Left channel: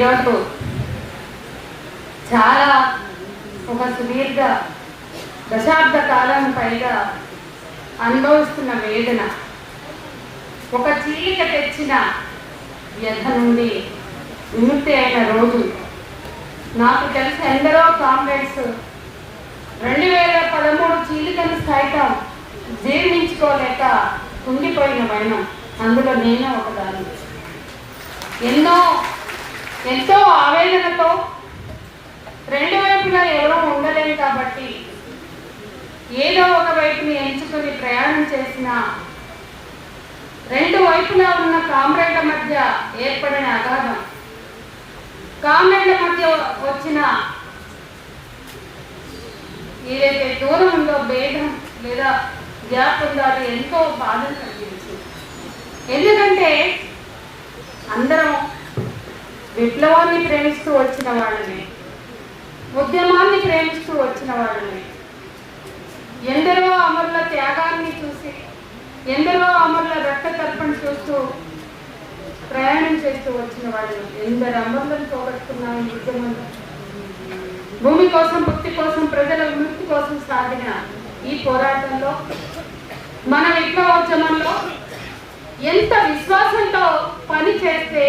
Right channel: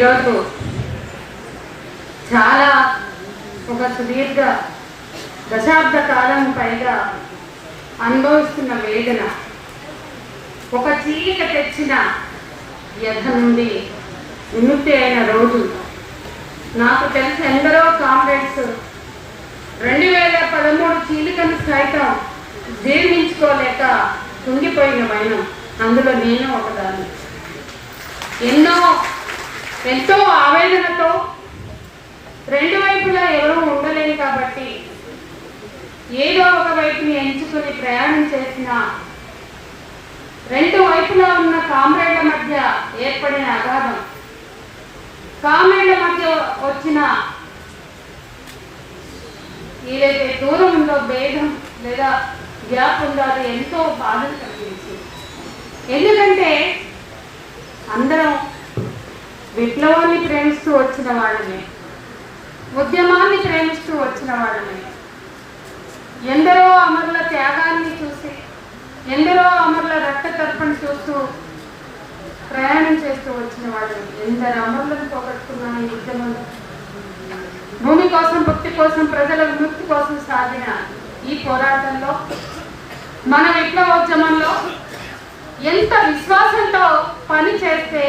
ఈరోజు చాలా ఒక సుదీర్ఘ దశాబ్ద కాలం పైగా అనుభవిస్తున్న వేదన. ఒక చీలిక తెచ్చిన వ్యధ నుండి విముక్తి అయిన రోజు. నాకు తెలిసి ఎందరో కామ్రేడ్స్ రెండు వేల పదమూడు చీలికను సైతం జీర్ణించుకోలేక కుంగిపోయిన వైనం. అందులో నేను ఒకదాన్ని. ఎన్నో ఎంతో ఆవేదనతో రెండు వైపులా ఎవరూ ఉండలేరు కాబట్టి ఏదో ఒక వైపుని ఎంచుకుని ప్రయాణం చేసిన రెండు వైపులా ఉన్న కామ్రేడ్ల మధ్య ఏర్పడిన అగాధం. కామ్రేడ్ల మధ్య వచ్చిన ఏదైతే దూరం ఉందో భేదం లేదా గ్యాప్ ఉందో అది ఎంతో బాధను కలిగించింది. ఎందుకంటే అందరం విప్లవాన్ని ప్రేమిస్తూ వచ్చిన వాళ్ళమే. ఉద్యమాన్ని ప్రేమిస్తూ వచ్చిన వాళ్ళమే. ఎందరో అమరుల త్యాగాన్ని చూసి ఎందరో అమరుల రక్త తర్పణ చూస్తూ ప్రయాణం చేస్తూ వచ్చిన వాళ్ళు ఎందరు అమరులను పోగొట్టుకున్నాం ఈ ఉద్యమంలో. భూమి కోసం భక్తి కోసం ప్రజల విముక్తి కోసం సాగిన ఈ పోరాటంలో మన విప్లవోద్యమంలో ఎంత విశ్వాసంతో పని చేస్తే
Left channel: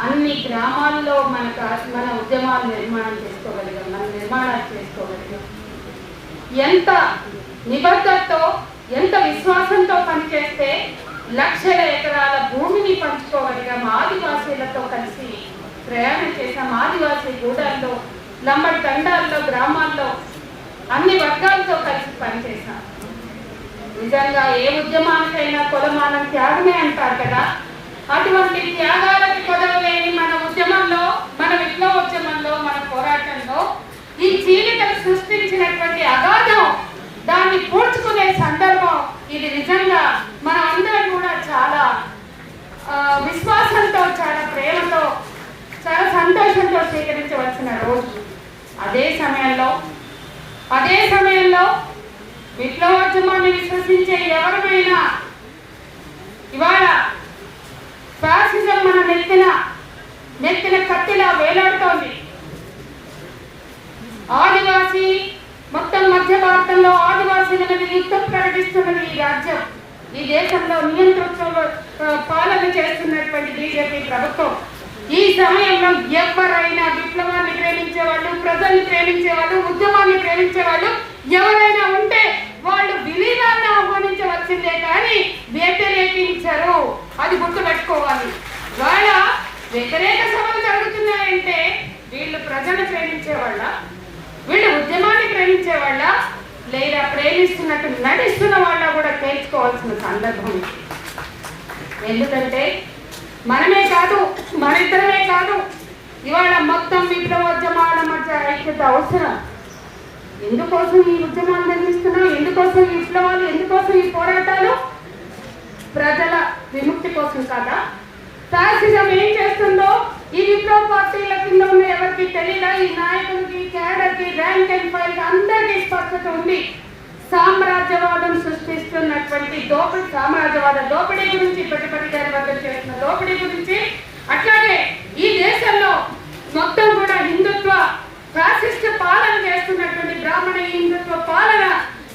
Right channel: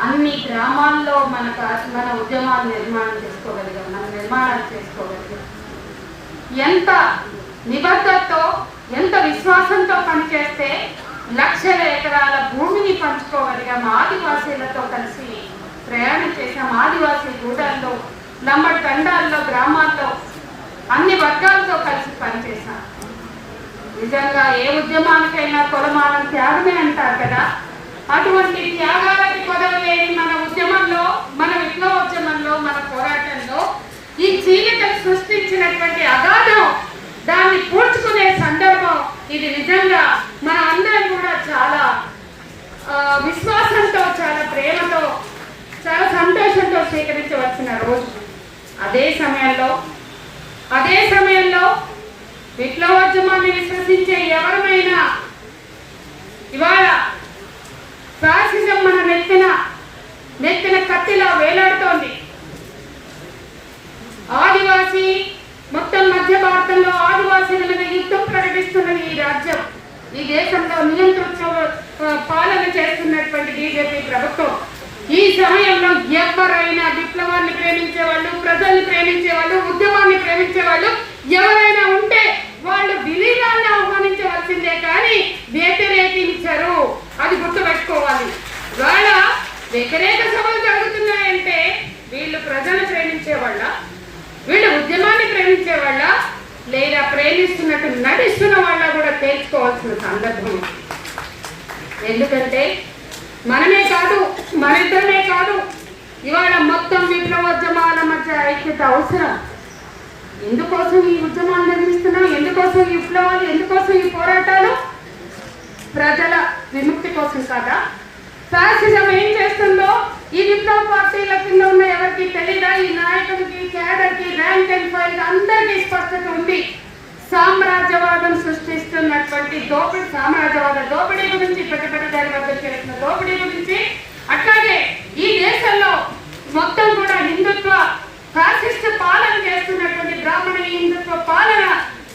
అన్ని గ్రామాల్లో మన మన ఉద్యమాలు నిర్మాణం చేసుకోగలిగాం మన నిర్మాణాలు చేసుకోగలిగాం. ఎంత నిబద్ధతతో ఎంత విశ్వాసంతో పనిచేస్తే లక్షల ఎకరాల భూమిని పంచుకోగలిగాం. ఆదివాసీలతో కలిసి ప్రయాణం చేశాం. ఆదివాసీ గూడల్లో లంబడి తండాల్లో గ్రామాల్లో అన్ని వర్గాలతో కలిసి పనిచేశాం. నిజంగా ఏ ఉద్యమానికైనా కులమానం త్యాగమే అంటారు కదా? అటువంటి త్యాగాలకు కొదవలేని మన ఉద్యమంలో మన విప్లవోద్యమంలో మన పోరాటంలో ఈ చీలికలు సృష్టించినటువంటి అగాధం దాన్ని పూడ్చుకునే సందర్భం ఇది నిజంగా మన అందరం కూడా చాలా విశ్వాసంతో చాలా ప్రేమతో చాలా సంతోషంతో స్వీకరించవలసిన రోజు. అదే సమయంలో అదే సమయంలో విప్లవోద్యమాన్ని విశ్వసించే ఎవరిమైనా ఇవాళ ఫ్యాసిజం మన నెత్తిన నెత్తిన కత్తిలా వేలాడుతోంది. ఆదివాసీ మొత్తం మధ్య భారతంలో ఆదివాసీల యుద్ధం ప్రకటిస్తున్నది ఈ రాజ్యం. ఈ దేశంలో నియంతృత్వ పాలన చేస్తున్నటువంటి బీజేపీ ప్రభుత్వం. ఈ సమయంలో ఎవరైనా విప్లవాన్ని ప్రేమించే వాళ్ళు ప్రజల్ని ప్రేమించే వాళ్ళు ఉద్యమాన్ని ప్రేమించే వాళ్ళు ఎవరైనా ఉంటే వాళ్ళు విలీనాన్ని ఆహ్వానించవలసిందే కానీ వ్యతిరేకించరు. అది గుర్తుపెట్టుకోవాలి. వాళ్ళ వ్యతిరేక సభలు జరుగుతున్నాయంటే వీళ్ళు ప్రజలు ప్రేమించే వాళ్ళ వీళ్ళు ఉద్యమాన్ని ప్రేమించే వాళ్ళ లేదా ప్రేమిస్తున్నట్టు నటిస్తున్న వాళ్ళ కూడా తేల్చుకోవాల్సిన సందర్భం. ఎందుకంటే మనమే కాదు మనిద్దరమే కాదు ఇవాళ మొత్తం విప్లవోద్యమాల మధ్య ఐక్యత అవసరం. ఎందుకోసం ఈ ఉద్యమాలు నిర్మిస్తున్నాం? ఎందుకోసం ఈ విప్లవాలు ఎందుకోసం ఈ పోరాటాలు? ప్రజల విముక్తి కోసం కాదా? ఫ్యాసిజం ఏం ఈ విప్లవ పార్టీల కింద ఉన్న ఎవరికి తెలియదా? ఈ నాయకుడికి కేడర్కి ర్యాంక్ అండ్ ఫైల్ అందరికీ స్పష్టత ఉంది. సామ్రాజ్యవాదం సృష్టిస్తున్నటువంటి దోపిడి సామ్రాజ్యవాద దోపిడీ గురించి ప్రతిపక్ష గారి వద్ద చేసిన దోపిడీ గురించి. అట్లాగే ఈ దేశ మొత్తం కూడా హిందుత్వ ఫ్యాసిస్ట్ పాలన చేస్తున్నటువంటి బ్రాహ్మణ హిందుత్వ పాలన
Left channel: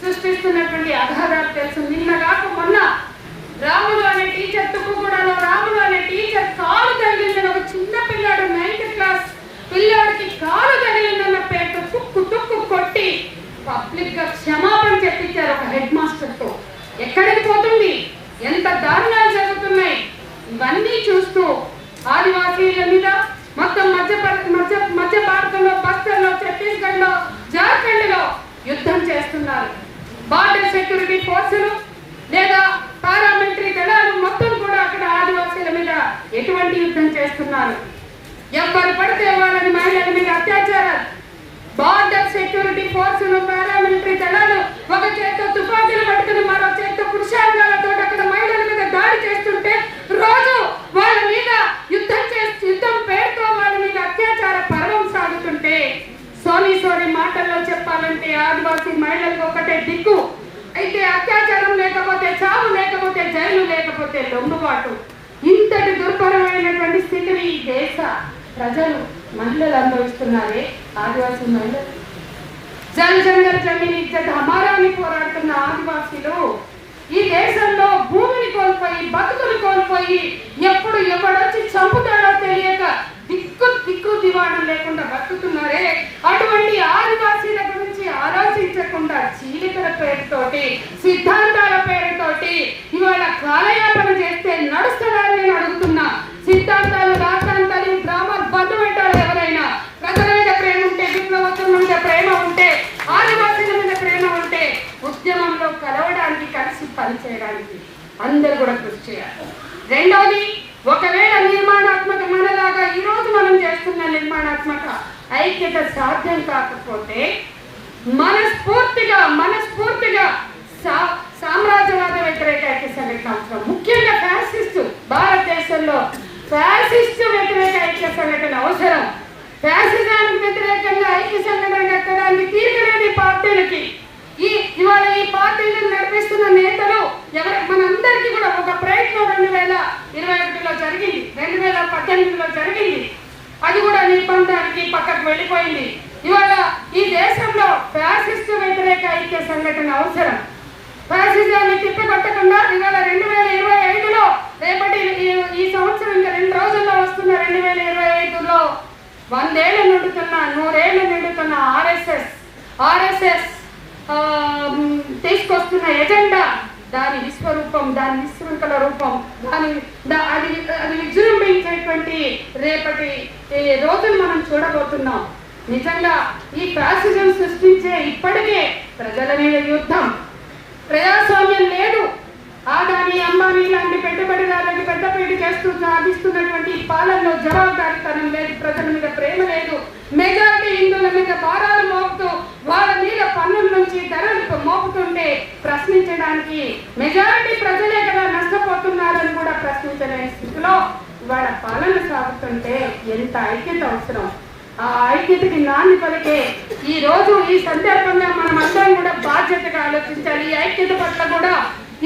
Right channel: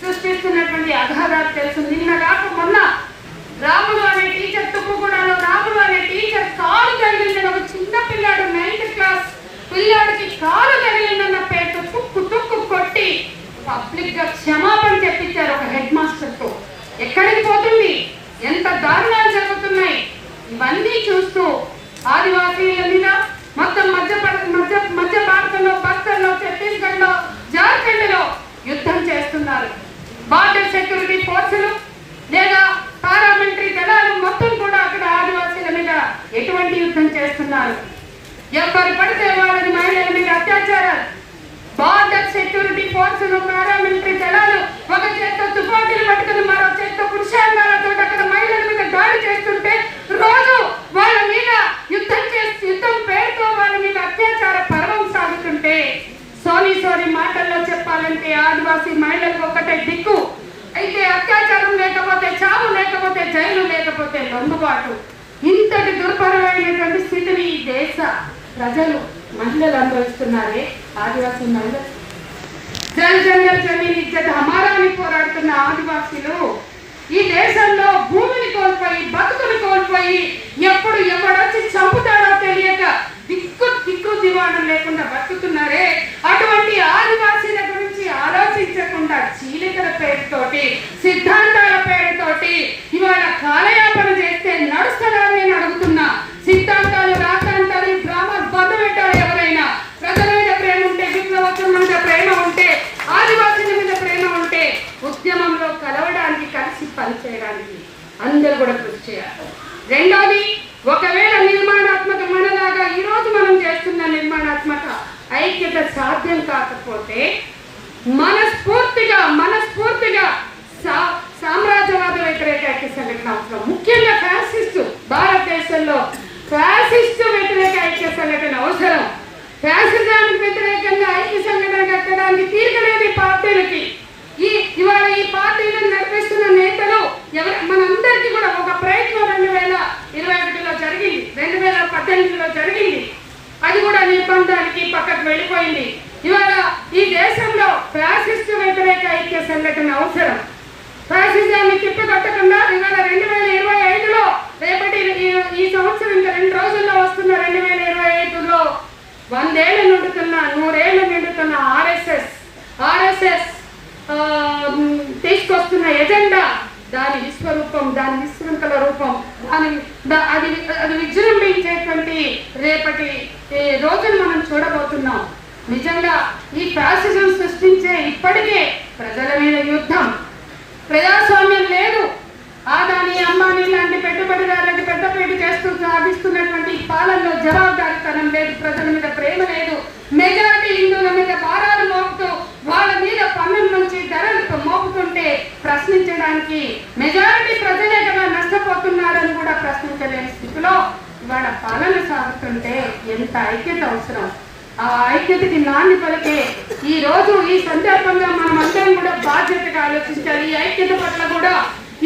సృష్టిస్తున్నటువంటి అఘాధాలు తెలుసు నిన్న కాక మొన్న రాములు అనే టీచర్ తుక్కుగూడలో రాములు అనే టీచర్ కాలు తగిలిందని ఒక చిన్న పిల్లాడు నైన్త్ క్లాస్ పిల్లాడికి కాలు తగిలిందన్న పేరుతో తుక్కు తుక్కు కొట్టి పబ్లిక్గా పెట్టారు ఒక హెడ్ మాస్టర్తో ఎక్కడికి పోతుంది? ఎంత దారుణాలు జరుగుతున్నాయి? ఇవన్నీ చూస్తూ ఆదివాసీల మీద మొత్తం మధ్య మధ్య మధ్య భారతంలో బస్తర్లో ఛత్తీస్గఢ్లో జార్ఖండ్లో యుద్ధం చేస్తున్నారు. బార్డర్ సెక్యూరిటీ ఫోర్సులు లేదా పారామిలిటరీ దళాలు మొత్తం కూడా అక్కడ ఆదివాసీల మీద ఎటువంటి యుద్ధం చేస్తున్నారు. ఎవరు పడితే వాళ్ళని మహిళల మీద అత్యాచారాలు. బార్డర్ సెక్యూరిటీ ఫోర్సులు పారామిలిటరీ దళాలు ఒక చేత్తో తుపాకీలు పట్టుకుని మరో చేత్తో అక్కడ మహిళల మీద దాడి చేస్తుంటే రోజు వాళ్ళ మీద యుద్ధం చేసి యుద్ధం పేరుతో వాళ్ళ మీద అత్యాచార పర్వం సాగుతుంటే సోని సోనీ మాటల్లో చెప్పాలంటే ఆదివాసీ మహిళలకు ఒకటే దిక్కు. అయితే అత్యాచారం లేకపోతే చావు లేకపోతే జైలు లేకపోతే లొంగుబాటు. ఇంతటి దుర్భరమైనటువంటి స్థితిని ఈ దేశ ప్రజలు మహిళలు అనుభవిస్తున్నారే ఆదివాసీ మహిళలు. జల్ జంగల్ జమీన్ ఇజ్జత్ హమారా పోరాడుతున్న ఆదివాసీలు ఈ దేశంలో భూమిని కోల్పోయి బతుకులు కోల్పోయి ఎప్పుడు ఎవడొచ్చి చంపుతాడో తెలియక దిక్కు దిక్కు దివాణం లేకుండా బతుకుతున్నారే అటువంటి ఆదివాసీల గురించి ఆలోచించకుండా చీలికల పేరుతోటి సిద్ధాంతాల పేరుతోటి ఇవాళ కాలయాపన చేస్తే నడుస్తుందని నేను అడుగుతున్నా సిద్ధాంతాలు రాతాంతాలు బ్రాహ్మణ బంధు పెట్టారు ఎవరైనా ప్రజల మీద ప్రేమ ఉంటే విప్లవత్వం మీద ప్రేమ ఉంటే ఆదివాసుల మీద ప్రేమ ఉంటే ఉద్యమంలో కలవడానికి కలిసి పనిచేయడానికి అందరూ కూడా కృషి చేయాలి. రెండోది ఒకవేళ నిర్మాణాత్మక మనలాగా ఈ రోజు మనం చేస్తున్న నిర్మాణాత్మక ఐక్యత సాధ్యం కాకపోతే మనస్ఫూర్తిగా మనస్ఫూర్తిగా సా- సామ్రాజ్యవాద వ్యతిరేక ఐక్య సంఘటన అవసరం ముఖ్యంగా ఫ్యాసిస్టు భారతదేశంలో ఫ్యాసిస్టు వ్యతిరేక ఐక్య సంఘటన అవసరం ఫ్యాసిజానికి వ్యతిరేకంగా ఐక్య సంఘటన కట్టడానికి తీర్చలేదు ఈ పార్టీలకి ఈ ఇవాళ ఈ పార్టీలను నడిపిస్తున్న నేతలు ఎవరు మనందరికీ కూడా ఒక ప్రయత్నం రెండు వేల ఇరవై ఒకటిలో జరిగింది రెండు వేల పద్దెనిమిదిలో జరిగింది. అది కూడా నిర్బంధానికి పక్కకు వెళ్ళిపోయింది. ఇవాళ ఈ దేశంలో ఫ్యాసిస్ట్ వ్యతిరేక ఐక్య సంఘటన అవసరం. ఫ్యాసిజాన్ని తిప్పకొట్టకుండా ఇవాళ రెండు వేల ఇరవై ఐదులో రేపటి ఈ- సంవత్సరం ఇంకా రెండు రోజుల్లో వస్తున్న రెండు వేల ఇరవై ఐదులో వందేళ్ళు నిండుతున్న నూరేళ్ళు నిండుతున్న ఆర్ఎస్ఎస్ ఆర్ఎస్ఎస్ తీసుకొస్తున్న ఎజెండా దాని విశ్వరూపం దాని విశ్వంతల రూపం దాని దా- అది అది విజృంభించేటువంటి రేపటి ఈ రోజును మనం చూడబోతున్నాం. నిజంగా ఈ ఫ్యాసిజం సృష్టించే ఇప్పటికే ప్రజల మీద యుద్ధం. ప్రజాస్వామ్యం లేదు. ఆదాని అంబానీ లాంటి పెట్టుబడిదారులకు పెద్దపేట చేస్తూ సాగిస్తున్నటువంటి ఈ పాలనలో జవాబుదారీతనం లేదు ప్రజల మీద ప్రేమ లేదు మెజారిటీ హిందువుల మీద భారాలు మోపుతూ వాళ్ళ మీద పన్నుల నుంచి ధరలు మోపుతుంటే ప్రశ్నించడానికి మెజారిటీ ప్రజలే కదా నష్టపోతున్నారని కూడా ప్రశ్నించలేని స్థితిలో ఇవాళ పాలన సాగుతుంటే ఎంత ఐక్యత అవసరం. ఆ ఐక్యతకి నాన్ని పలికే ఈ రోజు ఈ సందర్భంగా మనం అందరం కూడా బాధ్యతగా ఆలోచించాలి. ఈ ఐక్యత పట్ల కూడా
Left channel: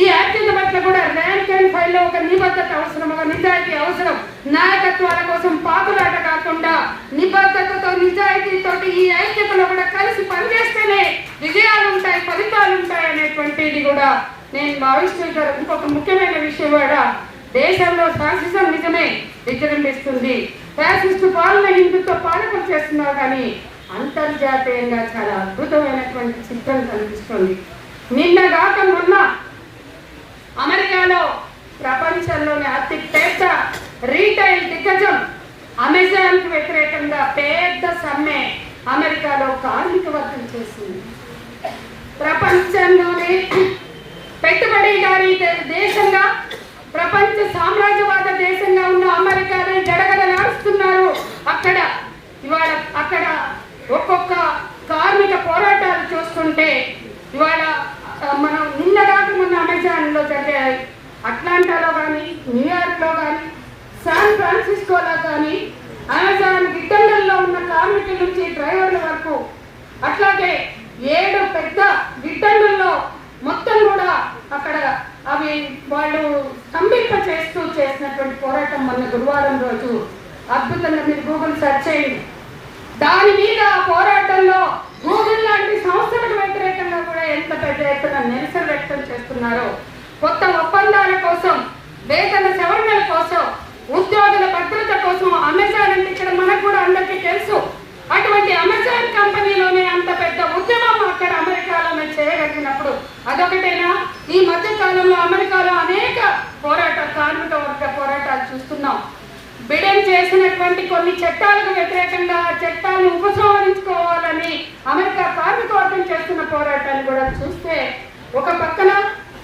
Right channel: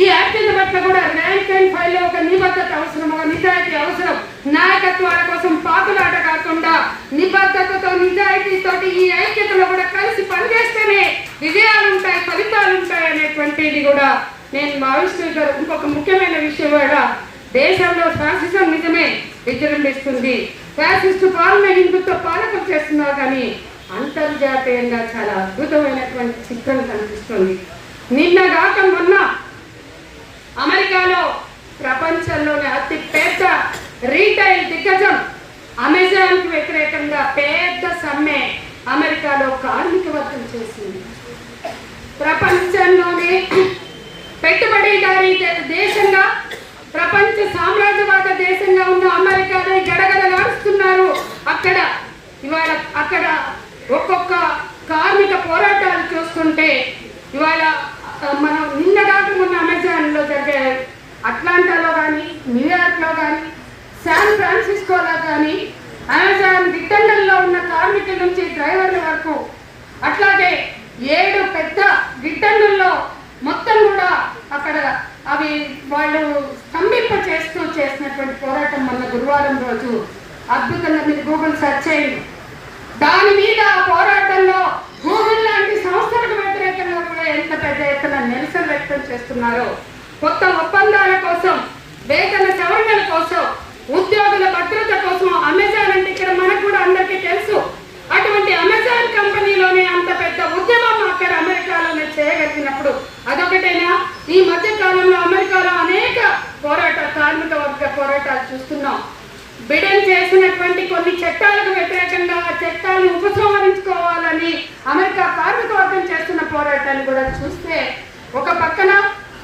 ఈ ఐక్యత పట్ల కూడా ర్యాంక్ అండ్ ఫైల్లో ఒక నిబద్ధత అవసరం ఒక నిజాయితీ అవసరం. నాయకత్వాల కోసం పాపులాట కాకుండా నిబద్ధతతో నిజాయితీతో ఈ ఐక్యతలో కూడా కలిసి పనిచేస్తేనే విజయాలు ఉంటాయి ఫలితాలు ఉంటాయి అనేటువంటిది కూడా నేను భావిస్తున్నాను ఇంకొక ముఖ్యమైన విషయం కూడా దేశంలో ఫ్యాసిజం నిజమే విజృంభిస్తుంది ఫ్యాసిస్టు పాలన హిందుత్వ పాలకం చేస్తున్నారు కానీ అంతర్జాతీయంగా చాలా అద్భుతమైనటువంటి చిత్రం కనిపిస్తుంది. నిన్న కాక మొన్న అమెరికాలో ప్రపంచంలోనే అతి పెద్ద రీటైల్ దిగ్గజం అమెజాన్కు వ్యతిరేకంగా పెద్ద సమ్మె అమెరికాలో కార్మిక వర్గం చేసింది. ప్రపంచంలోనే పెట్టుబడిదారీ దేశంగా ప్రపంచ సామ్రాజ్యవాద దేశంగా ఉన్న అమెరికాలో గడగడలాడుతున్నారు అక్కడ ఇవాళ అక్కడ ఒక్కొక్క కార్మిక పోరాటాలు చూస్తుంటే ఇవాళ మనం నిన్న దాకా ఉన్న అమెజాన్లో జరిగాయి. జరిగే అట్లాంటాలో కానీ న్యూయార్క్లో కానీ శాన్ ఫ్రాన్సిస్కోలో కానీ అమెజాన్ గిడ్డంగల్లో ఉన్న కార్మికుల నుంచి డ్రైవర్ల వరకు అట్లాగే ఏడు పెద్ద గిడ్డంగుల్లో మొత్తం కూడా అక్కడ అవి వాళ్ళు స్తంభింప చేస్తూ చేసినటువంటి పోరాటం మొన్న గురువారం రోజు అద్భుతంగా మీరు గూగుల్ సెర్చ్ చేయండి. దాని మీద పోరాటంలో గూగుల్ లాంటి సంస్థలకు వ్యతిరేకంగా కూడా ఎంత పెద్ద ఎత్తున నిరసన వ్యక్తం చేస్తున్నారో కొత్త ఒప్పందాల కోసం వేతన సవరణల కోసం ఉద్యోగుల భద్రత కోసం అమెజాన్ అంటే ఇక్కడ మనకు కూడా అందరికీ తెలుసు. అటువంటి అమెజాన్ కంపెనీలోనే అంత పెద్ద ఉద్యమం అక్కడ అమెరికాలోనే చేయగలిగినప్పుడు అదొకటేనా ఈ మధ్య కాలంలో అమెరికాలో అనేక పోరాట కార్మిక వర్గ పోరాటాలు చూస్తున్నాం బిడెన్ చేసినటువంటి కొన్ని చట్టాలకు వ్యతిరేకంగా ఆ చట్టాలను ఉపసంహరించుకోవాలని అమెరికా కార్మిక వర్గం చేస్తున్న పోరాటాన్ని కూడా చూస్తే ఒక పక్కన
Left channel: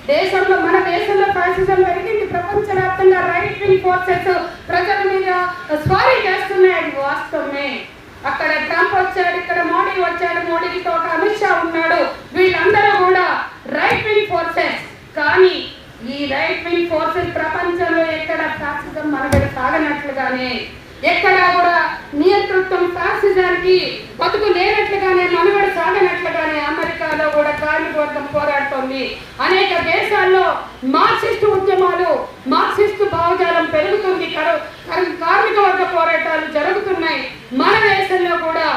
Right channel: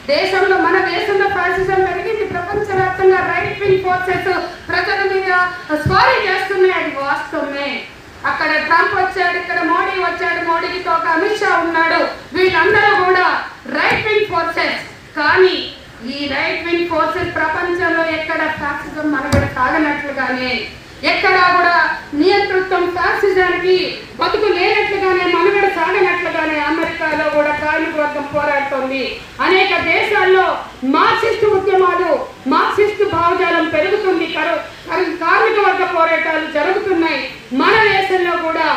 దేశంలో మన దేశంలో ఫ్యాసిజం పెరిగింది ప్రపంచవ్యాప్తంగా రైట్ వింగ్ ఫోర్సెస్ ప్రజల మీద స్వారీ చేస్తున్నాయి అది వాస్తవమే. అక్కడ ట్రంప్ వచ్చాడు ఇక్కడ మోడీ వచ్చాడు మోడీతో ఒక అమిత్ షా ఉన్నాడు వీళ్ళందరూ కూడా రైట్ వింగ్ ఫోర్సెస్ కానీ ఈ రైట్ వింగ్ ఫోర్సెస్ ప్రపంచంలో ఎక్కడ ఫాసిజం మనుగడ కాగనట్లుగానే ఎక్కడ కూడా నియంతృత్వం ఫ్యాసిజానికి బతుకు లేనట్లుగానే మనుగడ సాగనట్లుగానే అమెరికాలో కూడా కార్మిక వర్గం పోరాడుతోంది. అనేక దేశాల్లో మార్క్సిస్ట్ ఉద్యమాలు మార్క్సిస్ట్ భావజాలం పెరుగుతుంది. కార్మిక వర్గ పోరాటాలు జరుగుతున్నాయి. మన దేశంలో కూడా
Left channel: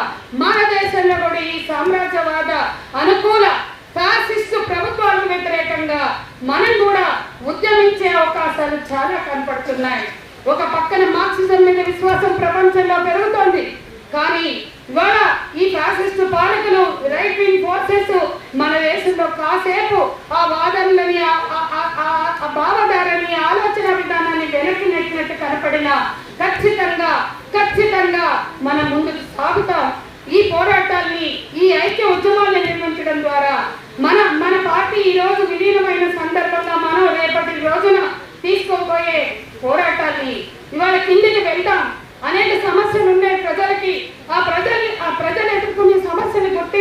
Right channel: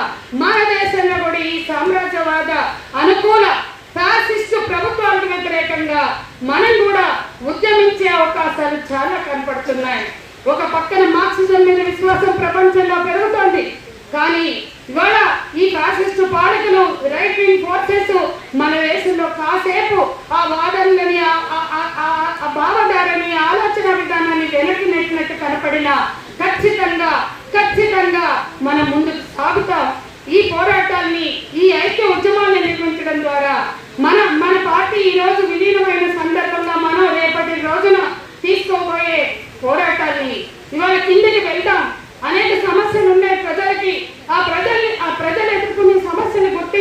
మన దేశంలో కూడా ఈ సామ్రాజ్యవాద అనుకూల ఫాసిస్ట్ ప్రభుత్వాలకు వ్యతిరేకంగా మనం కూడా ఉద్యమించే అవకాశాలు చాలా కనపడుతున్నాయి. ఒక పక్కన మార్క్సిజం మీద విశ్వాసం ప్రపంచంలో పెరుగుతోంది. కానీ ఇవాళ ఈ ఫ్యాసిస్ట్ పాలకులు రైట్ వింగ్ ఫోర్సెస్ మన దేశంలో కాసేపు ఆ వాదనలని ఆ- భావధారని ఆలోచన విధానాన్ని వెనక్కి నెట్టినట్టు కనపడిన ఖచ్చితంగా ఖచ్చితంగా మనం ముందుకు సాగుతాం. ఈ పోరాటాన్ని ఈ ఐక్య ఉద్యమాన్ని నిర్మించడం ద్వారా మన మన పార్టీ ఈ రోజు విలీనమైన సందర్భంగా మనం రేపటి రోజున తీసుకోబోయే పోరాటాన్ని ఇవాళ కిందకి వెళ్తాం. అనేక సమస్యలు ఉన్నాయి ప్రజలకి. ఆ ప్రజల్ని ఆ ప్రజలు ఎదుర్కొనే సమస్యని గుర్తి